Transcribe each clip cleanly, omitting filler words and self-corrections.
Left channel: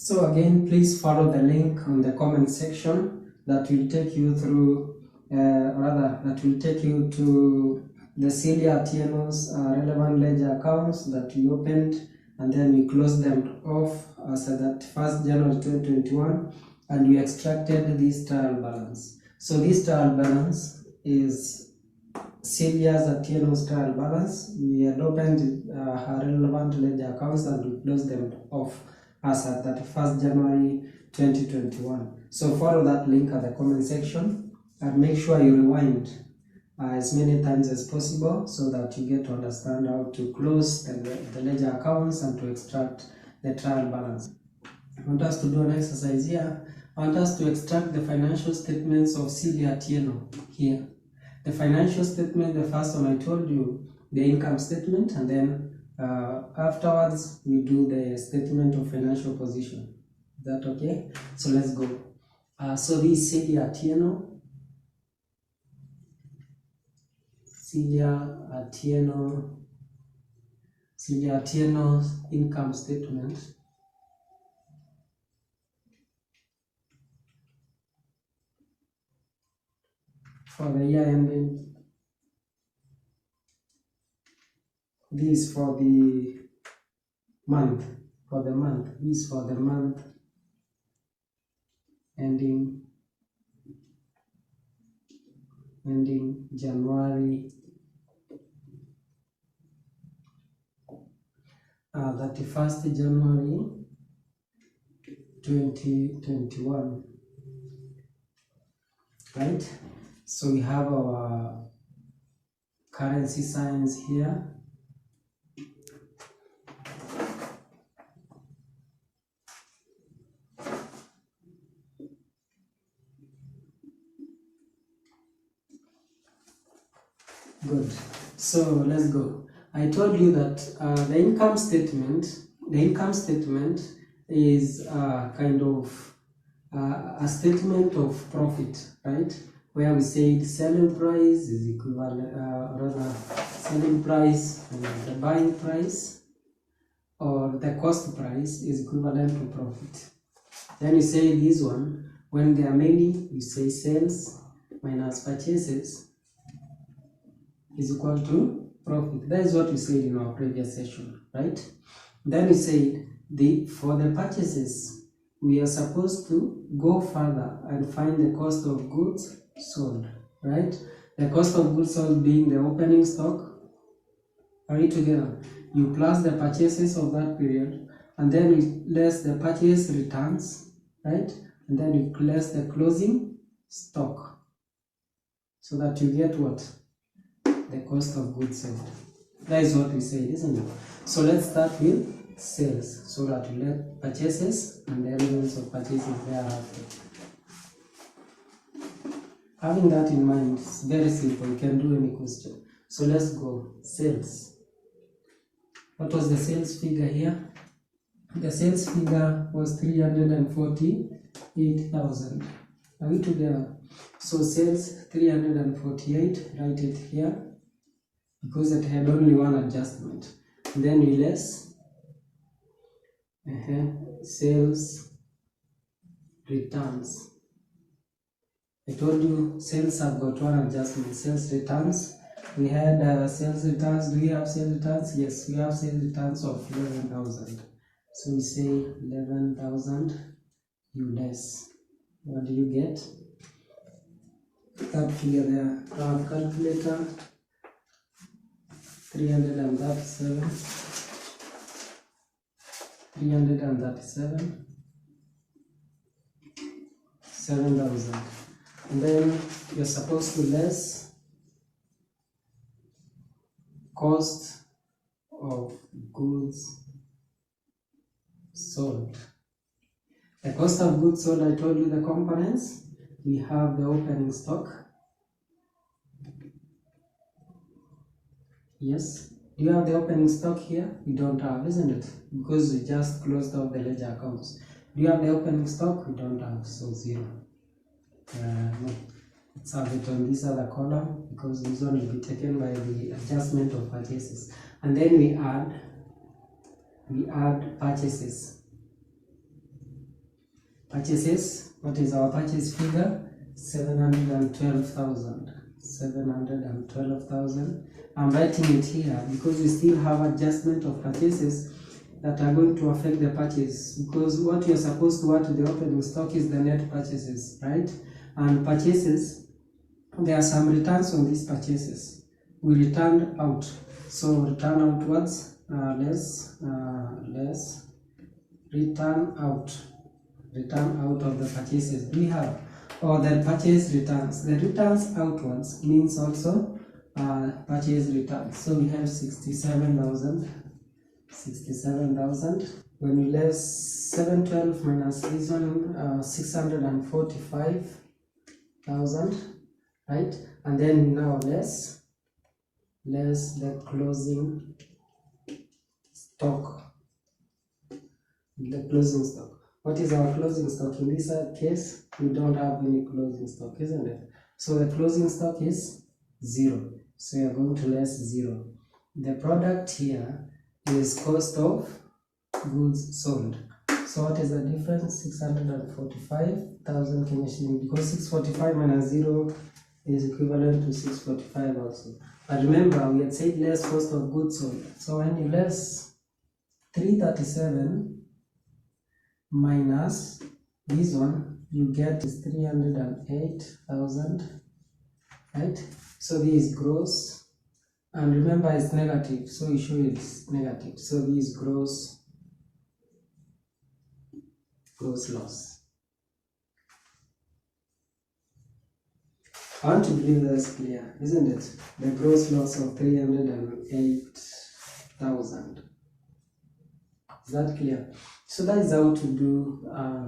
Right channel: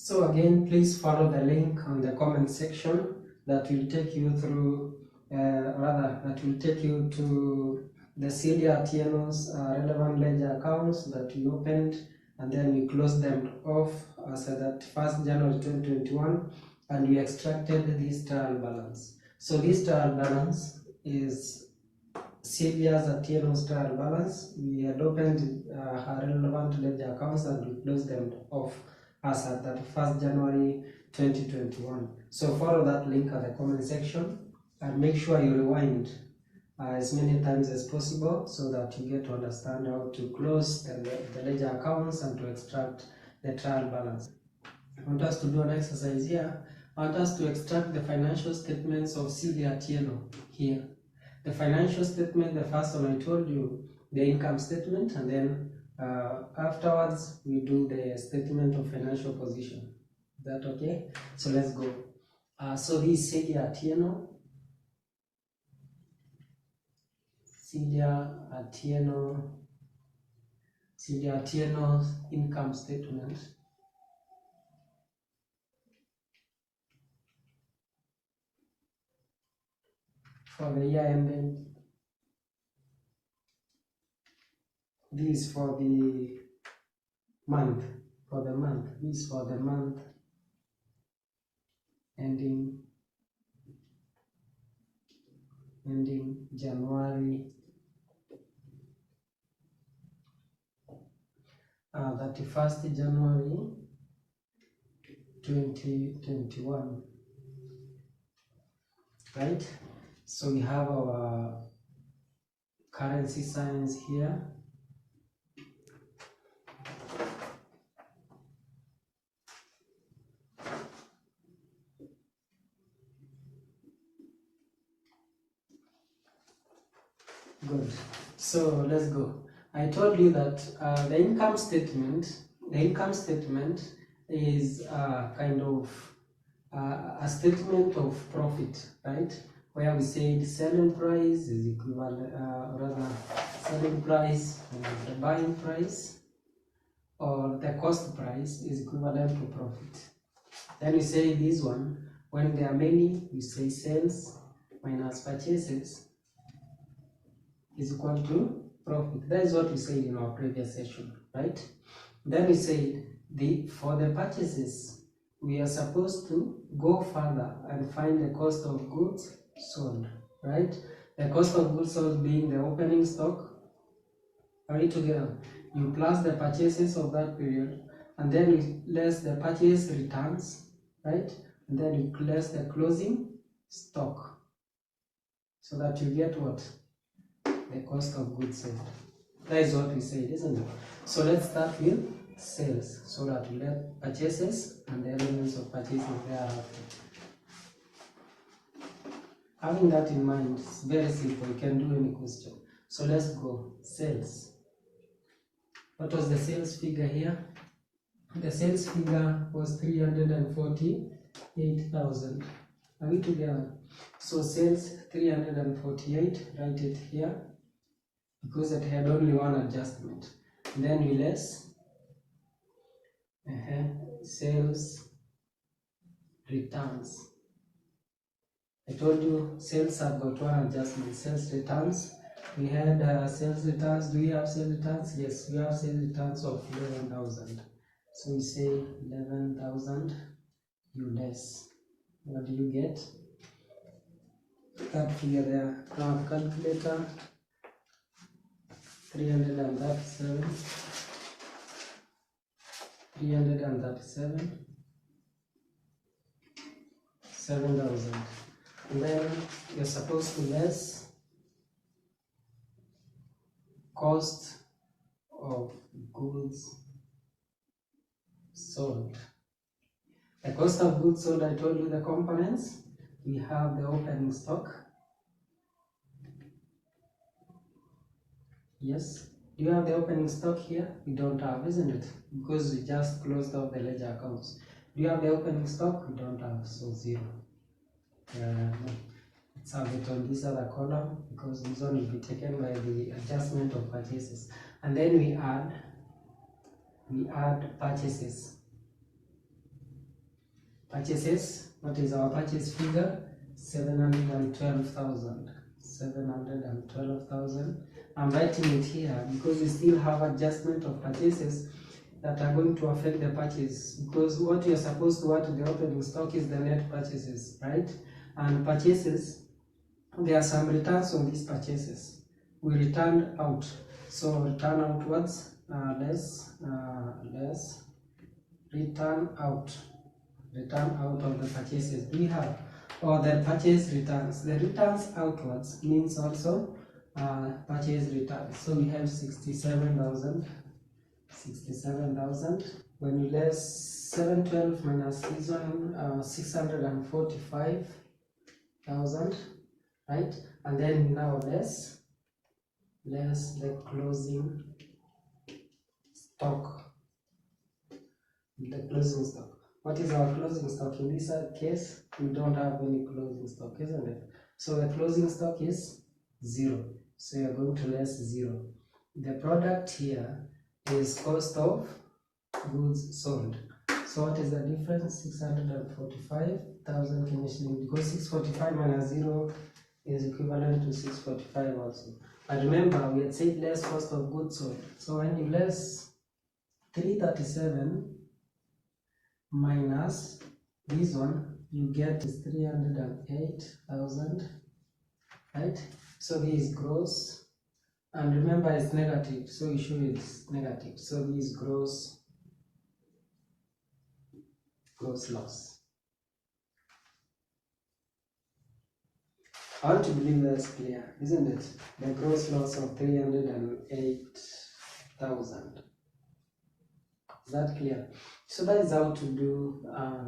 So again, please follow the link on the comment section that will take you through, that will take you to the Celia Atieno's relevant ledger accounts that we opened, and then we closed them off as at that 1st January 2021, and we extracted this trial balance. So this trial balance is Celia's Atieno's trial balance. We had opened her relevant ledger accounts and we closed them off as at that 1st January 2021. So follow that link at the comment section and make sure you rewind as many times as possible so that you get to understand how to close the ledger accounts and to extract the trial balance. I want us to do an exercise here. I want us to extract the financial statements of Celia Atieno here. The financial statement, the first one I told you, the income statement, and then afterwards we do the statement of financial position. Is that okay? So let's go. So this is Celia Atieno. Celia Atieno's income statement. For the year ending. This for the month. This for the month ending January 31st January 2021. Right? So we have our currency signs here. Good. So let's go. I told you that the income statement is kind of a statement of profit, right? Where we say the selling price is equivalent, selling price and the buying price, or the cost price is equivalent to profit. Then we say this one, when there are many, you say sales minus purchases is equal to profit. That is what we said in our previous session, right? Then we said for the purchases, we are supposed to go further and find the cost of goods sold, right? The cost of goods sold being the opening stock. Are we together? You plus the purchases of that period, and then you less the purchase returns, right? And then you less the closing stock, so that you get what? The cost of goods sold. That is what we said, isn't it? So let's start with sales, so that we let purchases and the elements of purchasing thereafter. Having that in mind, it's very simple. You can do any question. So let's go. Sales. What was the sales figure here? The sales figure was 348,000. Are we together? So sales 348, write it here, because it had only one adjustment. And then we less sales returns. I told you sales have got one adjustment. Sales returns. We had sales returns. Do we have sales returns? Yes, we have sales returns of 11,000. So we say 11,000 you less. What do you get? That figure there. Our calculator. 337. 7,000. And then you're supposed to less cost of goods sold. The cost of goods sold, I told you the components. We have the opening stock. Yes. Do you have the opening stock here? We don't have, isn't it? Because we just closed out the ledger accounts. Do you have the opening stock? We don't have, so 0. No. Let's have it on this other column, because this one will be taken by the adjustment of purchases. And then we add purchases. purchases. What is our purchase figure? 712,000. 712,000. I'm writing it here because we still have adjustment of purchases that are going to affect the purchase, because what you're supposed to add to the opening stock is the net purchases, right? And purchases, there are some returns on these purchases. We returned out, so return outwards, less return out of the purchases we have, or the purchase returns. The returns outwards means also purchase returns. So we have 67,000. When you less 712 minus this one, 645,000, right? And then now less the closing stock. The closing stock. What is our closing stock? In this case, we don't have any closing stock, isn't it? So the closing stock is 0. So you're going to less 0. The product here is cost of goods sold. So what is the difference? 645,000 Kenya shilling, because 645 minus 0 is equivalent to 645 also. But remember, we had said less cost of goods sold. So when you less 337 minus this one, you get is 308,000, right? So this is gross, and remember it's negative, so you show it's negative. So this is gross loss. I want to believe that's clear, isn't it? The gross loss of 308,000. Is that clear? So that is how to do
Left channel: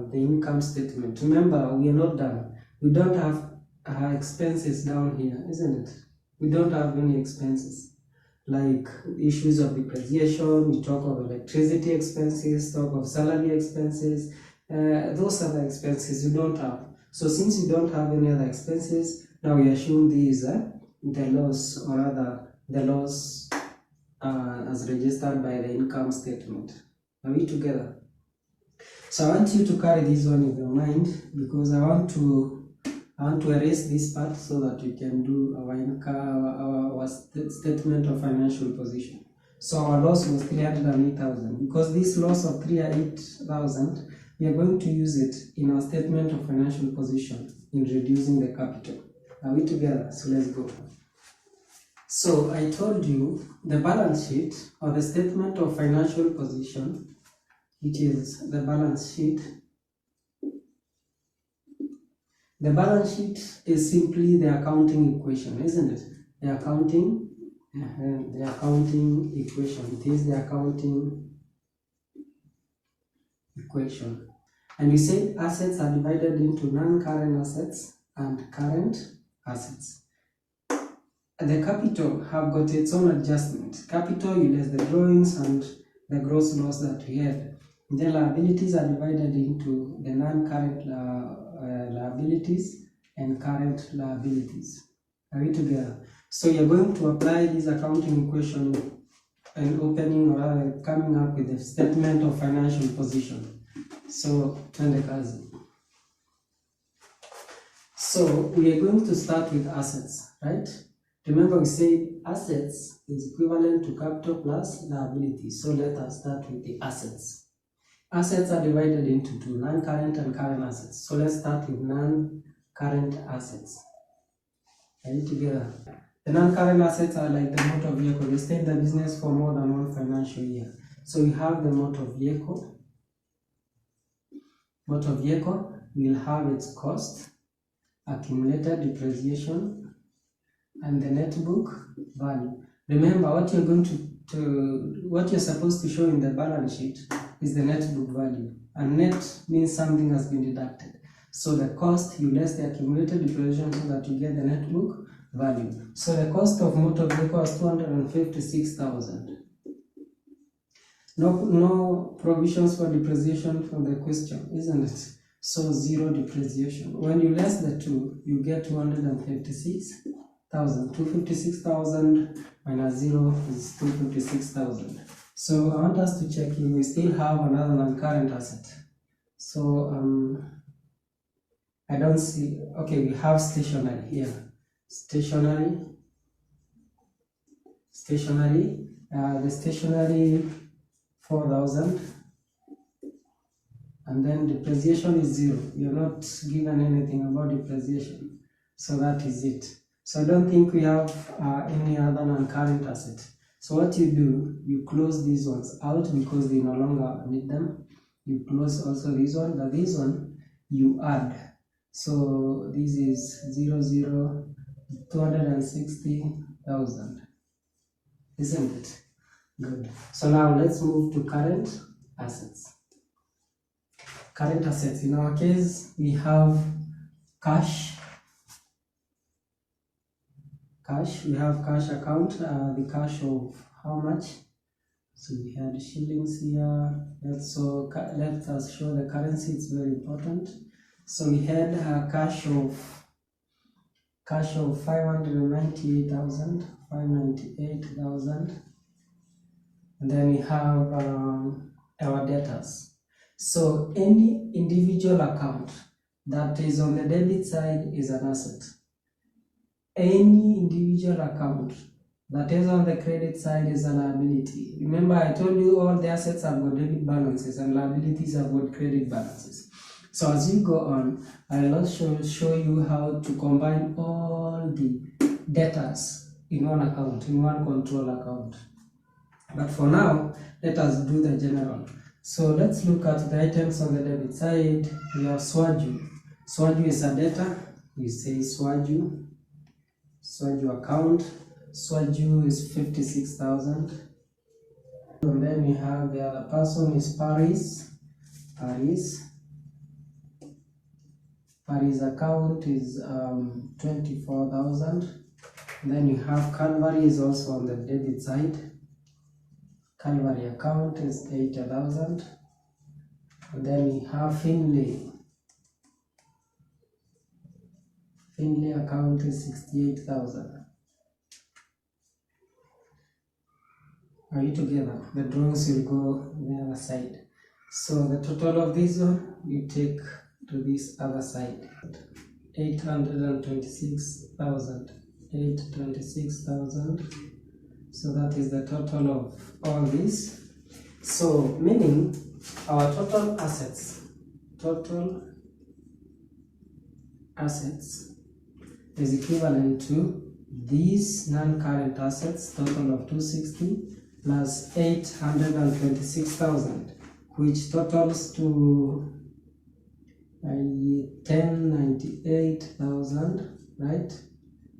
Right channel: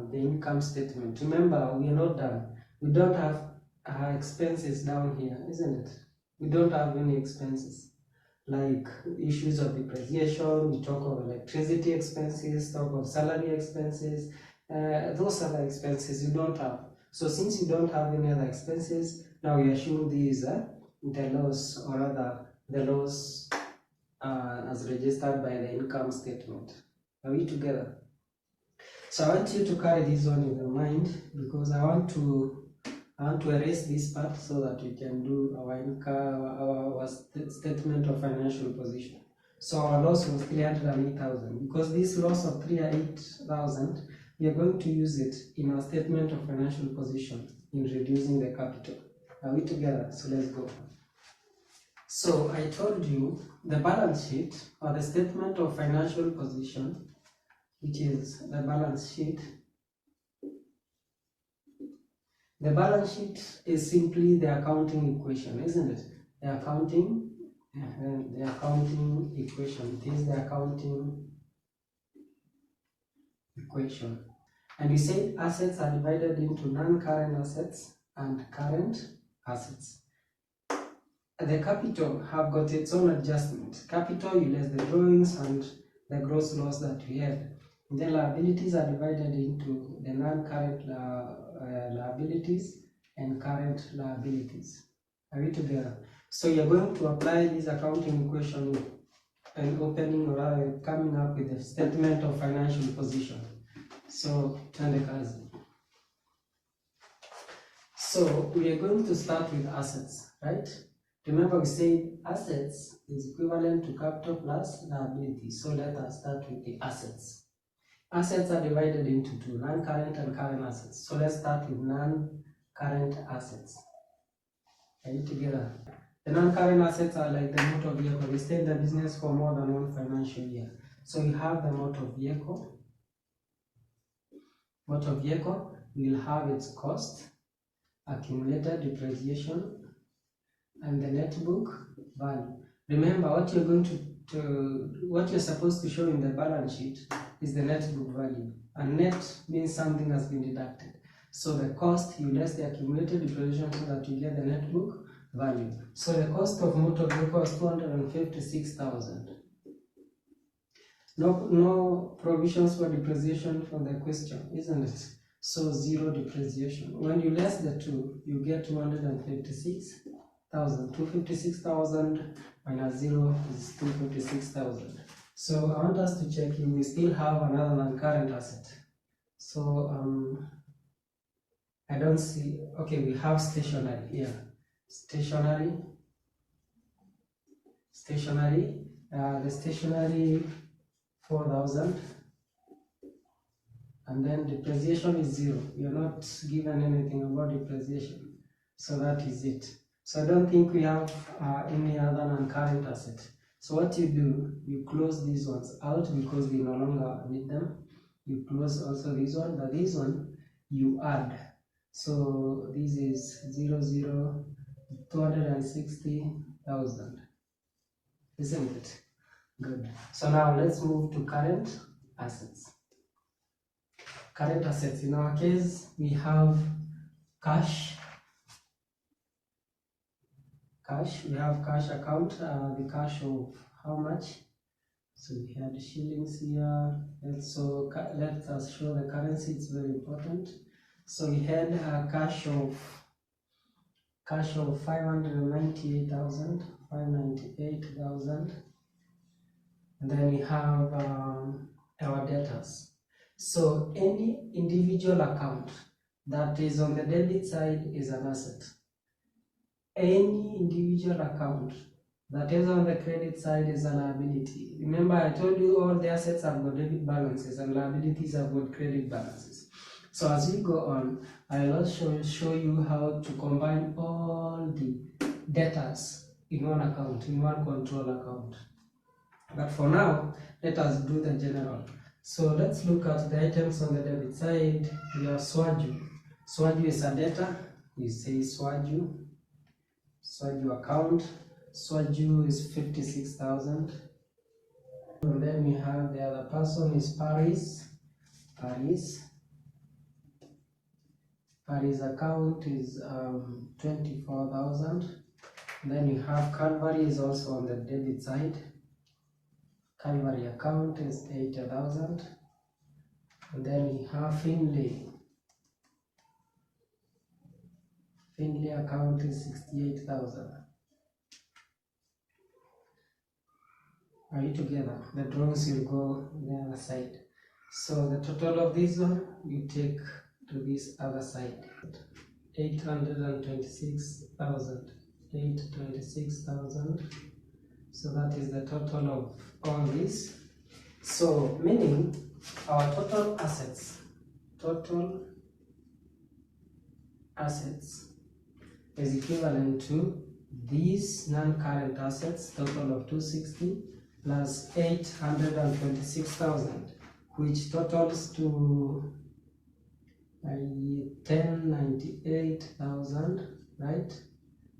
the income statement. Remember, we are not done. We don't have expenses down here, isn't it? We don't have any expenses like issues of depreciation. We talk of electricity expenses, talk of salary expenses. Those other expenses you don't have. So since you don't have any other expenses, now we assume these the loss, or rather the loss as registered by the income statement. Are we together? So I want you to carry this one in your mind, because I want to erase this part so that we can do our statement of financial position. So our loss was 308,000. Because this loss of 308,000, we are going to use it in our statement of financial position in reducing the capital. Are we together? So let's go. So I told you the balance sheet, or the statement of financial position, which is the balance sheet. The balance sheet is simply the accounting equation, isn't it? The accounting equation. It is the accounting equation. And we said assets are divided into non-current assets and current assets. The capital have got its own adjustment. Capital, you less the drawings and the gross loss that we had. The liabilities are divided into the non-current liabilities and current liabilities. Are we together? So you're going to apply this accounting equation and opening, or rather coming up with a statement of financial position. So turn the cards. So we are going to start with assets, right? Remember, we said assets is equivalent to capital plus liabilities. So let us start with the assets. Assets are divided into two, non-current and current assets. So let's start with non-current assets. Are you together? The non-current assets are like the motor vehicle. They stay in the business for more than one financial year. So you have the motor vehicle. Motor vehicle will have its cost, accumulated depreciation, and the net book value. Remember, what you're supposed to show in the balance sheet is the net book value, and net means something has been deducted. So the cost, you less the accumulated depreciation so that you get the net book value. So the cost of motor vehicle was 256,000. No provisions for depreciation for the question, isn't it? So 0 depreciation. When you less the 2, you get 256,000. 256,000 minus 0 is 256,000. So I want us to check if we still have another non-current asset. So I don't see. Okay, we have stationery here. Stationery. The stationery 4,000, and then depreciation is 0. You're not given anything about depreciation, so that is it. So I don't think we have any other non-current asset. So what you do, you close these ones out because we no longer need them. You close also this one, but this one you add. So this is 260,000, isn't it? Good. So now let's move to current assets. Current assets, in our case, we have cash. We have cash account, the cash of how much? So we had shillings here. Let us show the currency, it's very important. So we had cash of 598,000, and then we have our debtors. So any individual account that is on the debit side is an asset. Any individual account that is on the credit side is a liability. Remember, I told you all the assets have got debit balances and liabilities have got credit balances. So as we go on, I'll also show you how to combine all the debtors in one account, in one control account. But for now, let us do the general. So let's look at the items on the debit side. We have Swaju. Swaju is a debtor. We say Swaju account. Swaju is 56,000. And then we have the other person is Paris. Paris account is 24,000. Then we have Calvary is also on the debit side. Calvary account is 80,000. And then we have Finley. Finley account is 68,000. Are you together? The drawings will go on the other side. So the total of this one you take to this other side. 826,000. 826,000. So that is the total of all this. So meaning our total assets is equivalent to these non-current assets, total of 260 plus 826,000, which totals to 1098,000, right?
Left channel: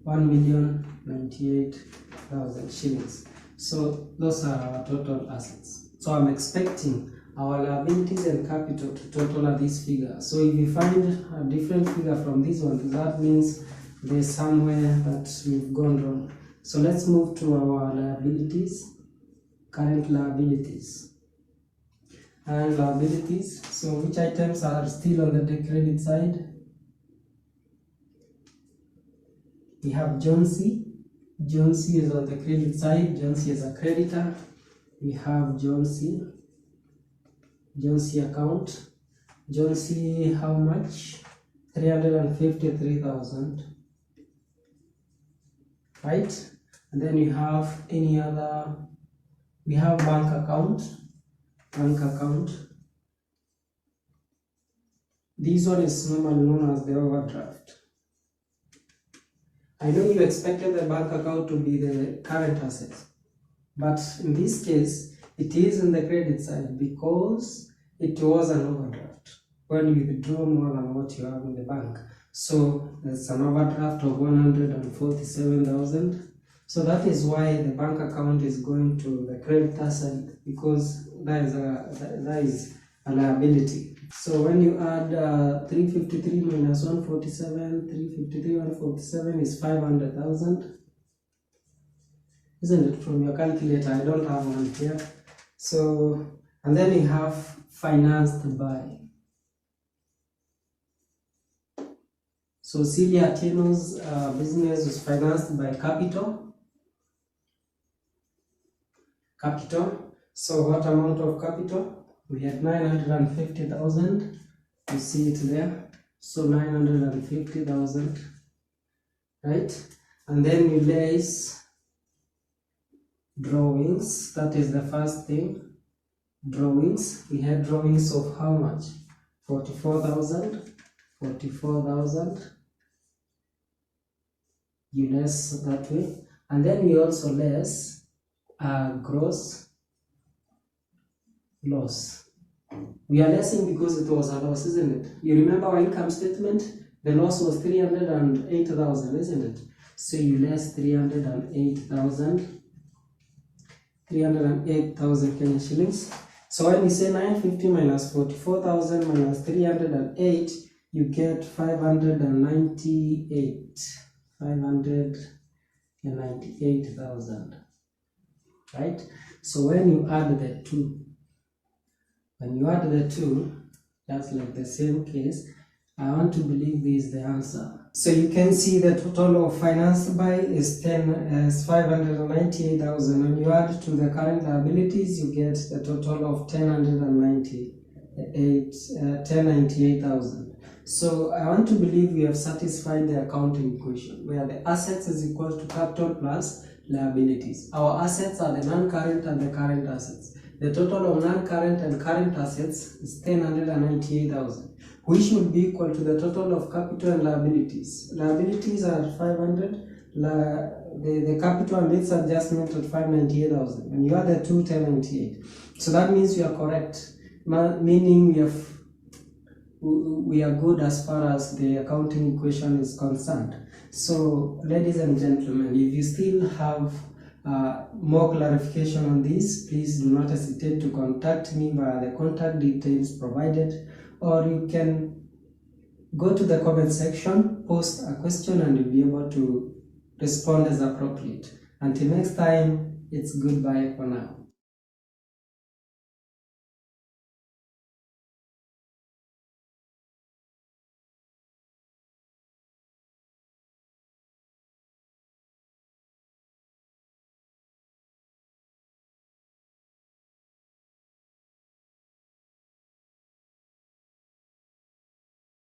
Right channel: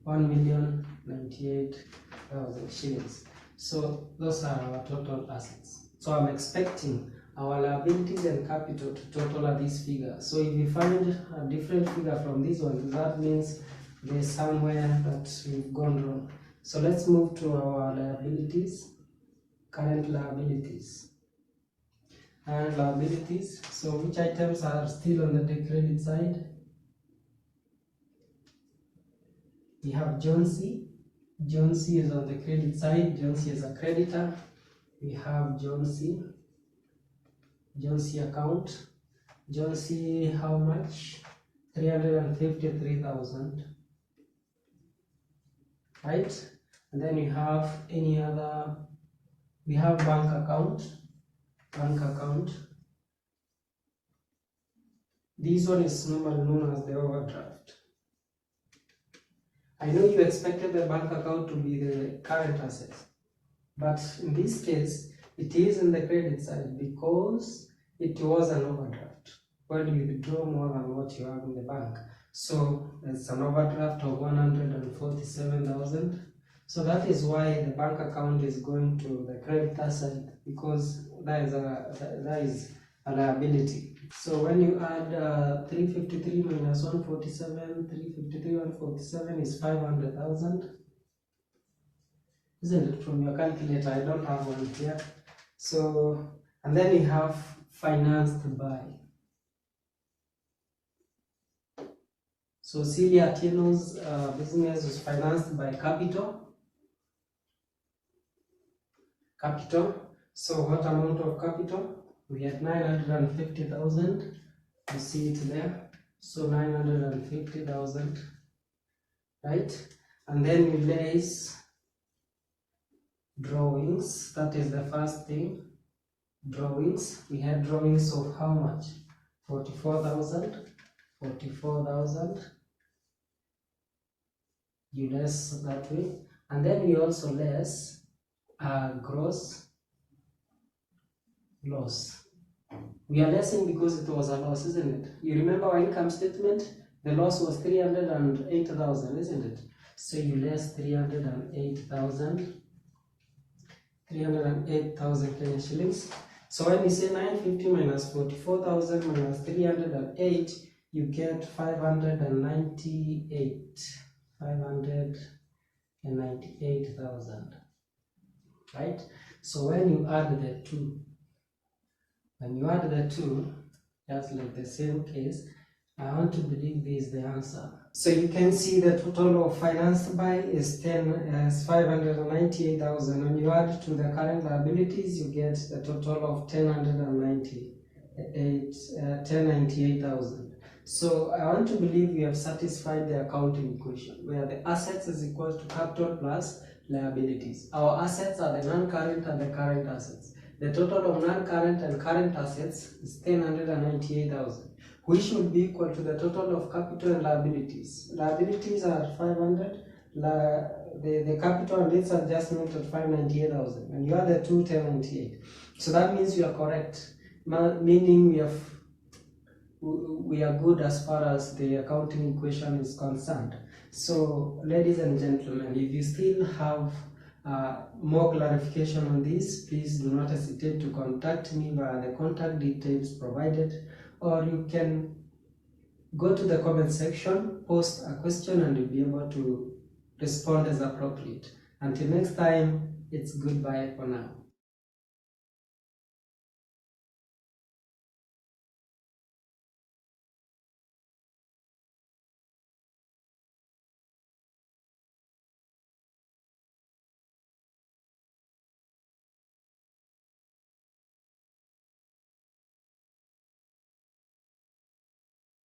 1,098,000 shillings. So those are our total assets. So I'm expecting our liabilities and capital to total at this figure. So if we find a different figure from this one, that means there's somewhere that we've gone wrong. So let's move to our liabilities, current liabilities. And liabilities, so which items are still on the credit side? We have Jonesy. Jonesy is on the credit side. Jonesy is a creditor. We have Jonesy account. Jonesy, how much? 353,000. Right? And then we have any other, we have bank account. This one is normally known as the overdraft. I know you expected the bank account to be the current asset, but in this case, it is in the credit side because it was an overdraft when you withdraw more than what you have in the bank. So there's an overdraft of 147,000. So that is why the bank account is going to the creditor side, because that is a liability. So when you add 353 minus 147, 353 147 is 500,000. Isn't it, from your calculator? I don't have one here. So, and then we have financed by. So Celia Atieno's business was financed by capital. So what amount of capital? We had 950,000. You see it there. So 950,000, right? And then we place drawings. That is the first thing. Drawings. We had drawings of how much? 44,000. 44,000. You less that way. And then we also less gross loss. We are lessing because it was a loss, isn't it? You remember our income statement? The loss was 308,000, isn't it? So you less 308,000 Kenyan shillings. So when we say 950 minus 44,000 minus 308, you get 598,000, right? So when you add the two, just like the same case, I want to believe this is the answer. So you can see the total of financed by is 598,000. When you add to the current liabilities, you get the total of 1098,000. So I want to believe we have satisfied the accounting equation where the assets is equal to capital plus liabilities. Our assets are the non-current and the current assets. The total of non-current and current assets is 1098,000, which should be equal to the total of capital and liabilities. Liabilities are 500, the capital and its adjustment at 598,000, and you are the 1098. So that means we are correct, meaning we are good as far as the accounting equation is concerned. So, ladies and gentlemen, if you still have more clarification on this, please do not hesitate to contact me via the contact details provided, or you can go to the comment section, post a question, and you'll be able to respond as appropriate. Until next time, it's goodbye for now.